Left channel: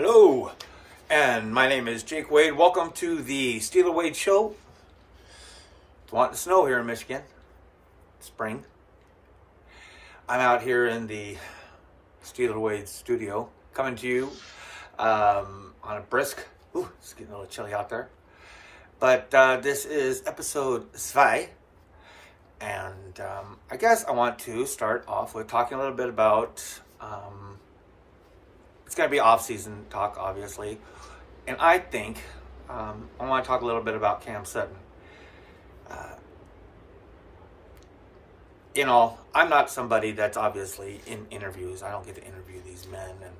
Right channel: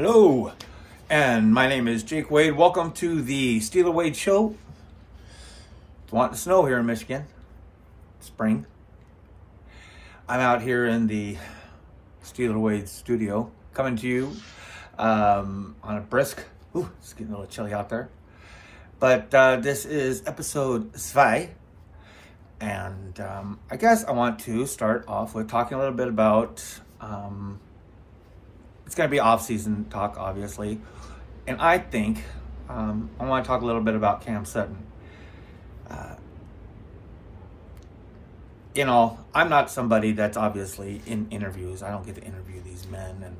Hello, and my name is Jake Wade. Welcome to the Steeler Wade Show. It's wanting to snow here in Michigan. Spring. I'm out here in the Steeler Wade studio, coming to you on a brisk. Ooh, it's getting a little chilly out there. But this is episode 2. And I guess I want to start off with talking a little bit about, it's going to be off-season talk, obviously. And I think I want to talk a little bit about Cam Sutton. You know, I'm not somebody that's obviously in interviews. I don't get to interview these men. And,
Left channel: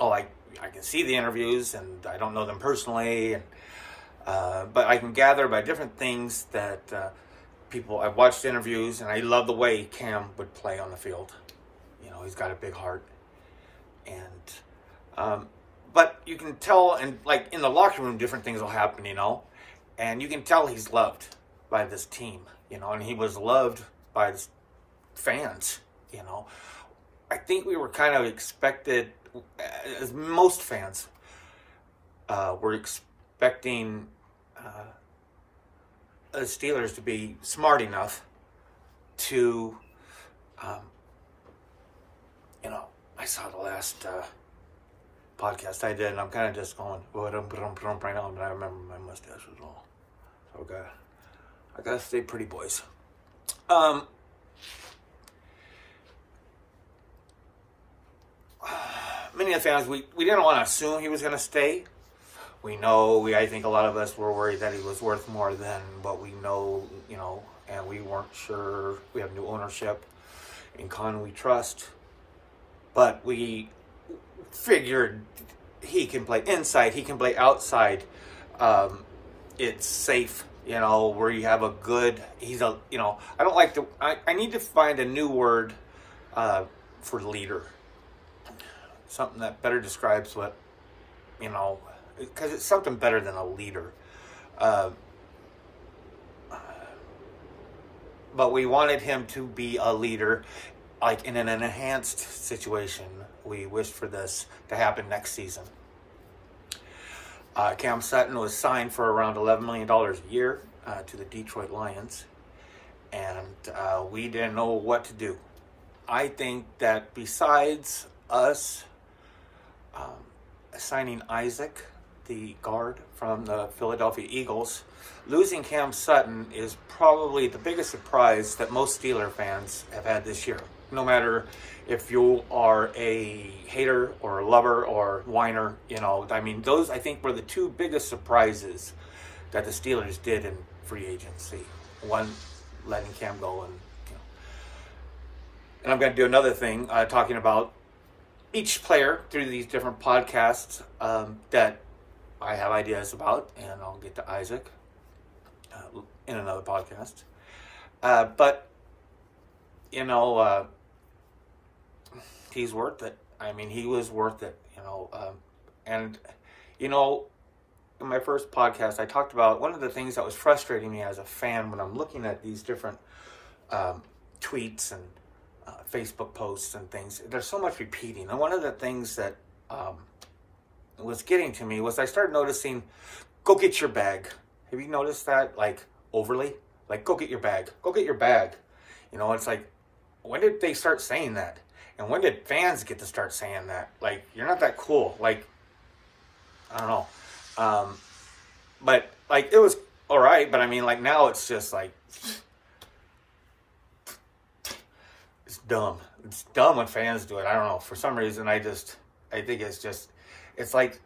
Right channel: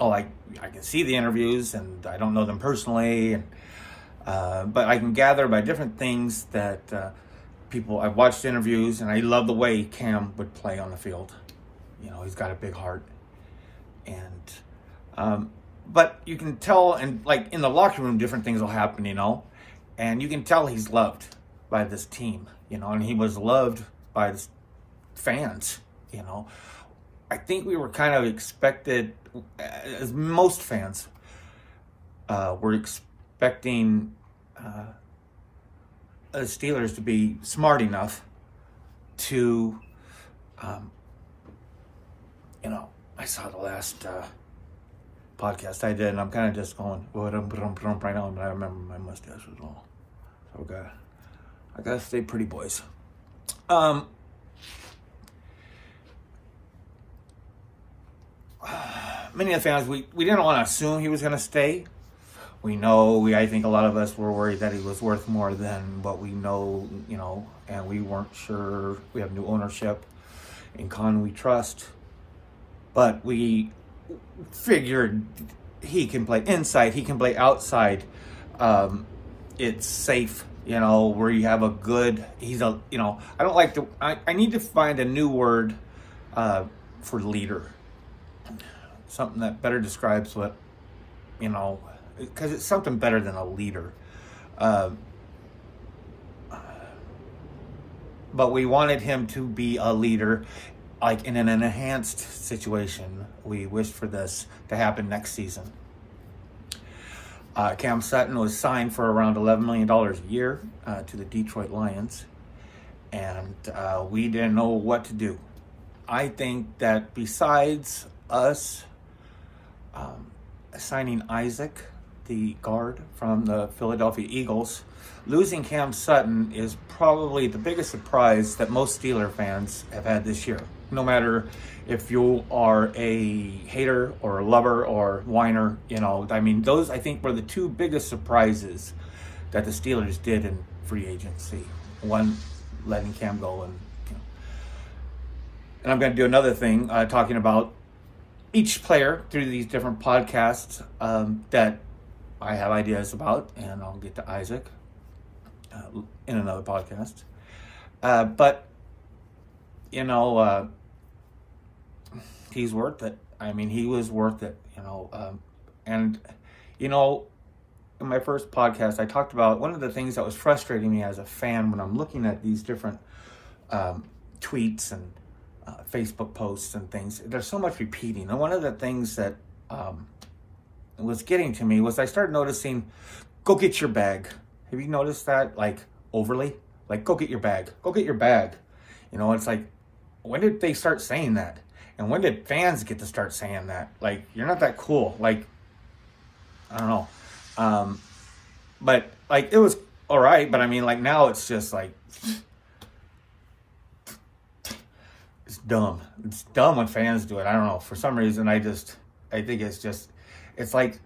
I can see the interviews, and I don't know them personally. And but I can gather by different things that I've watched interviews, and I love the way Cam would play on the field. You know, he's got a big heart. And, but you can tell, and like in the locker room, different things will happen, you know, and you can tell he's loved by this team, you know, and he was loved by the fans, you know. I think we were kind of expected, as most fans were expecting the Steelers to be smart enough to, you know, I saw the last podcast I did, and I'm kind of just going, right now, and I remember my mustache was all. So I gotta stay pretty, boys. Many of the fans, we didn't want to assume he was going to stay. I think a lot of us were worried that he was worth more than what we know, you know, and we weren't sure. We have new ownership in Con we trust. But we figured he can play inside, he can play outside. It's safe, you know, where you have a good, you know, I don't like I need to find a new word for leader. Something that better describes what, you know, because it's something better than a leader. But we wanted him to be a leader, like in an enhanced situation. We wished for this to happen next season. Cam Sutton was signed for around $11 million a year to the Detroit Lions. And we didn't know what to do. I think that besides us signing Isaac, the guard from the Philadelphia Eagles, losing Cam Sutton is probably the biggest surprise that most Steeler fans have had this year. No matter if you are a hater or a lover or whiner, you know, I mean, those I think were the two biggest surprises that the Steelers did in free agency. One, letting Cam go, and you know. And I'm going to do another thing talking about each player through these different podcasts that I have ideas about, and I'll get to Isaac in another podcast. But, you know, he's worth it. I mean, he was worth it, you know. And, you know, in my first podcast, I talked about one of the things that was frustrating me as a fan when I'm looking at these different tweets and Facebook posts and things. There's so much repeating. And one of the things that was getting to me was I started noticing, go get your bag. Have you noticed that? Like, overly? Like, go get your bag. Go get your bag. You know, it's like, when did they start saying that? And when did fans get to start saying that? Like, you're not that cool. Like, I don't know. But, like, it was all right. But, I mean, like, now it's just, like, it's dumb. It's dumb when fans do it. I don't know. For some reason, I think it's just, it's like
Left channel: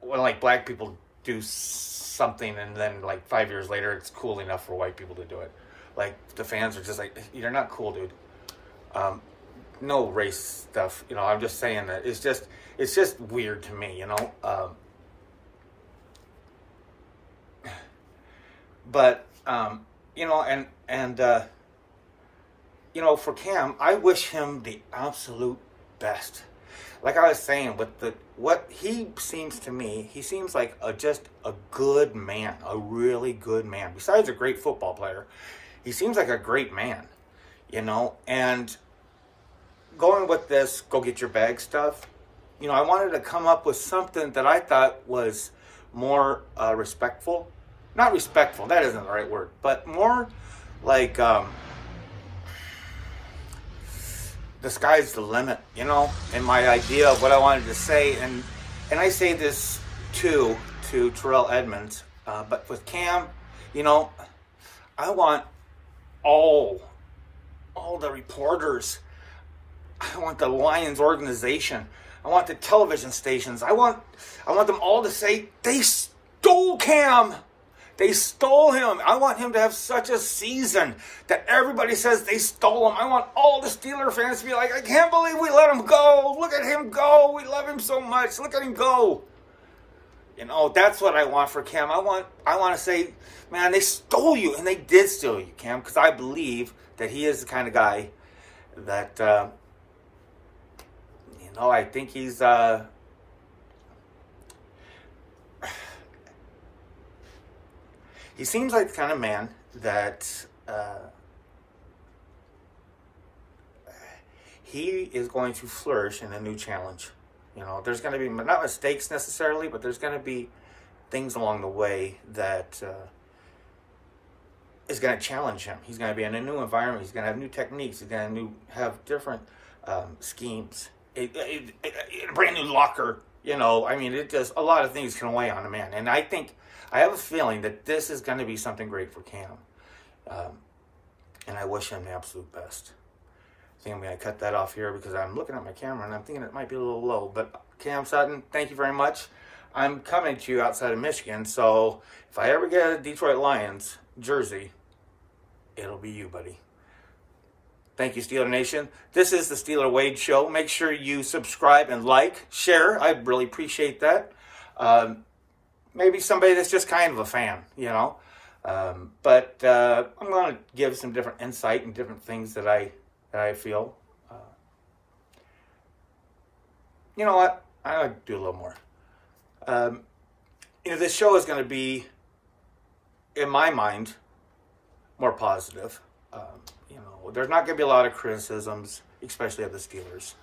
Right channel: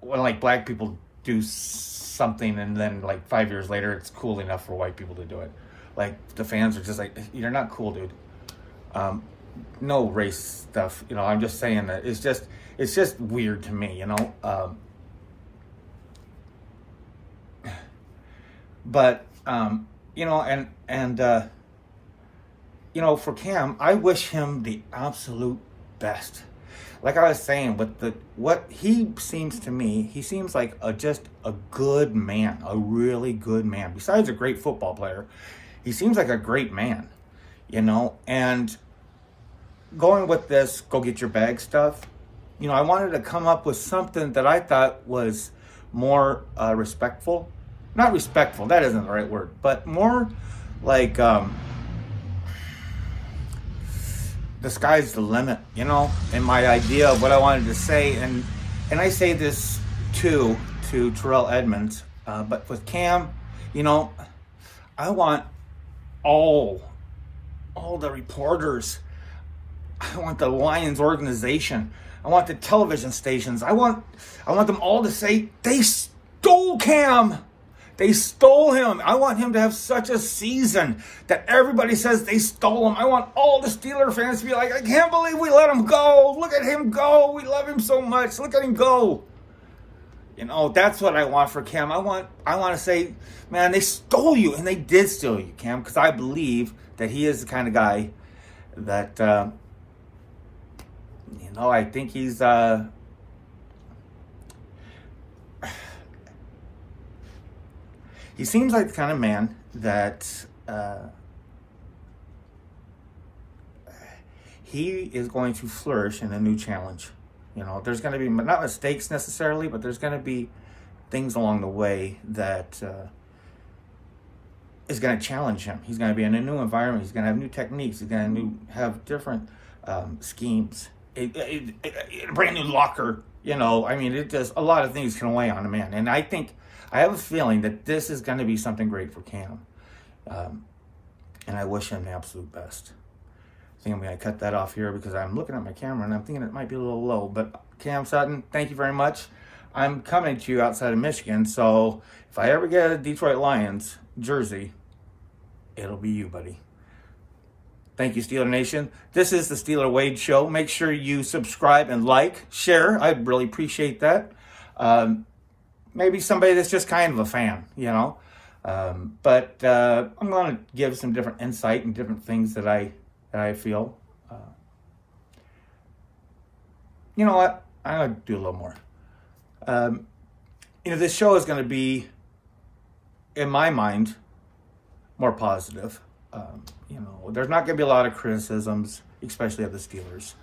when, like, black people do something and then, like, 5 years later, it's cool enough for white people to do it. Like, the fans are just like, you're not cool, dude. No race stuff, you know, I'm just saying that it's just weird to me, you know. But, you know, and you know, for Cam, I wish him the absolute best. Like I was saying, with what he seems to me, he seems like just a good man, a really good man. Besides a great football player, he seems like a great man, you know. And going with this, go get your bag stuff, You know, I wanted to come up with something that I thought was more respectful. Not respectful, that isn't the right word, but more like the sky's the limit, you know, and my idea of what I wanted to say. And I say this too to Terrell Edmonds, but with Cam, you know, I want all the reporters, I want the Lions organization, I want the television stations, I want them all to say, they stole Cam. They stole him. I want him to have such a season that everybody says they stole him. I want all the Steeler fans to be like, I can't believe we let him go. Look at him go. We love him so much. Look at him go. You know, that's what I want for Cam. I want to say, man, they stole you. And they did steal you, Cam, because I believe that he is the kind of guy that, you know, I think he's... he seems like the kind of man that he is going to flourish in a new challenge. You know, there's going to be not mistakes necessarily, but there's going to be things along the way that is going to challenge him. He's going to be in a new environment. He's going to have new techniques. He's going to have different schemes, a brand new locker. You know, I mean, it does a lot of things can weigh on a man. And I have a feeling that this is going to be something great for Cam. And I wish him the absolute best. I think I'm going to cut that off here because I'm looking at my camera and I'm thinking it might be a little low. But Cam Sutton, thank you very much. I'm coming to you outside of Michigan. So if I ever get a Detroit Lions jersey, it'll be you, buddy. Thank you, Steeler Nation. This is the Steeler Wade Show. Make sure you subscribe and like, share. I'd really appreciate that. Maybe somebody that's just kind of a fan, you know. But I'm going to give some different insight and different things that I feel. You know what? I'm going to do a little more. You know, this show is going to be, in my mind, more positive. You know, there's not going to be a lot of criticisms, especially of the Steelers.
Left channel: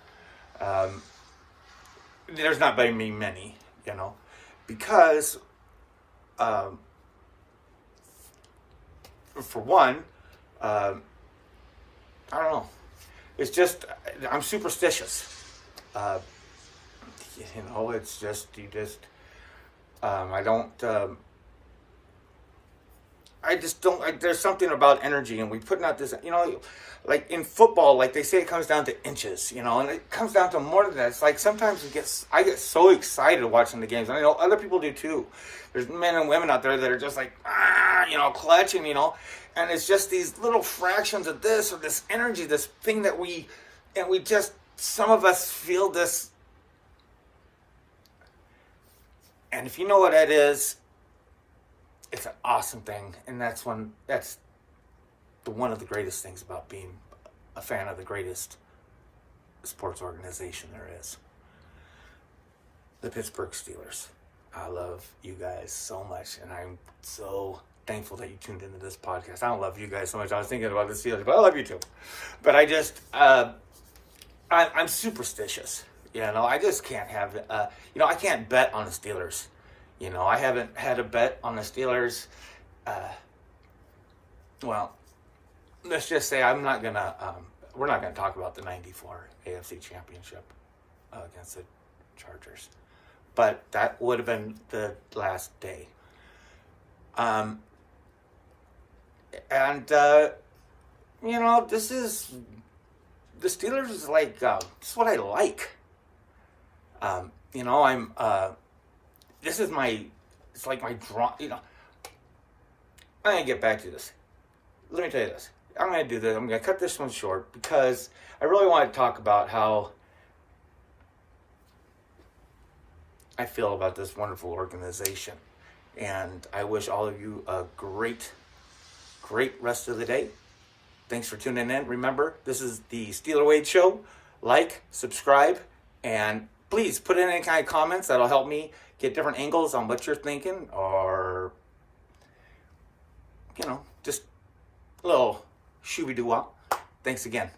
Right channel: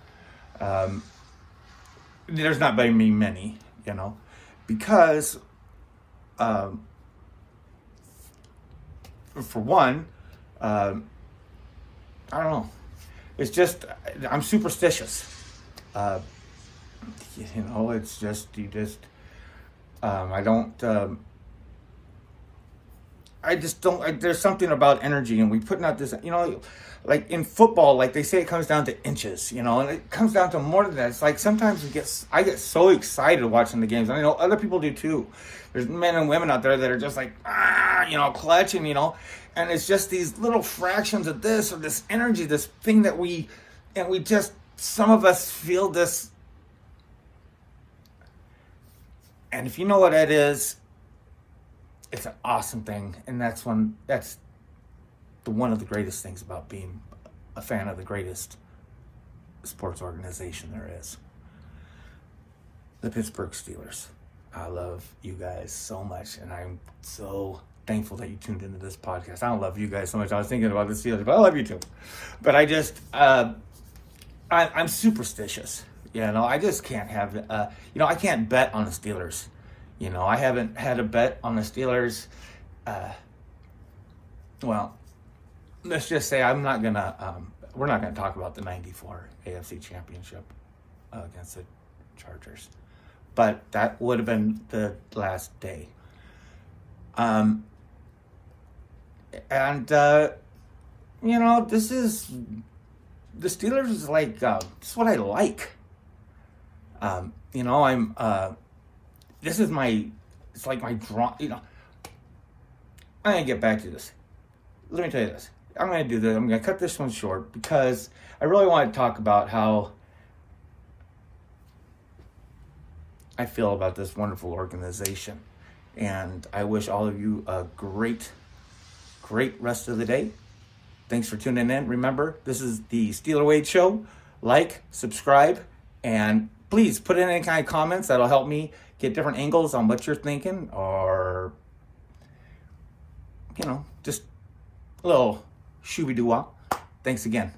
There's not going to be many, you know. Because, for one, I don't know. It's just, I'm superstitious. You know, it's just, I just don't, there's something about energy, and we putting out this, you know, like in football, like they say it comes down to inches, you know, and it comes down to more than that. It's like sometimes I get so excited watching the games. I know other people do too. There's men and women out there that are just like, you know, clutching, you know, and it's just these little fractions of this or this energy, this thing that we just, some of us feel this. And if you know what that is, it's an awesome thing. And that's one of the greatest things about being a fan of the greatest sports organization there is. The Pittsburgh Steelers. I love you guys so much, and I'm so thankful that you tuned into this podcast. I don't love you guys so much. I was thinking about the Steelers, but I love you too. But I just, I'm superstitious. You know, I just can't have, you know, I can't bet on the Steelers. You know, I haven't had a bet on the Steelers. Well, let's just say I'm not going to, we're not going to talk about the 94 AFC Championship against the Chargers. But that would have been the last day. And, you know, the Steelers is like, this is what I like. You know, this is it's like my draw, you know. I'm going to get back to this. Let me tell you this. I'm going to do this. I'm going to cut this one short because I really want to talk about how I feel about this wonderful organization. And I wish all of you a great rest of the day. Thanks for tuning in. Remember, this is the Steeler Wade Show. Like, subscribe, and please put in any kind of comments. That'll help me get different angles on what you're thinking, or, you know, just a little shooby-doo-wah. Thanks again.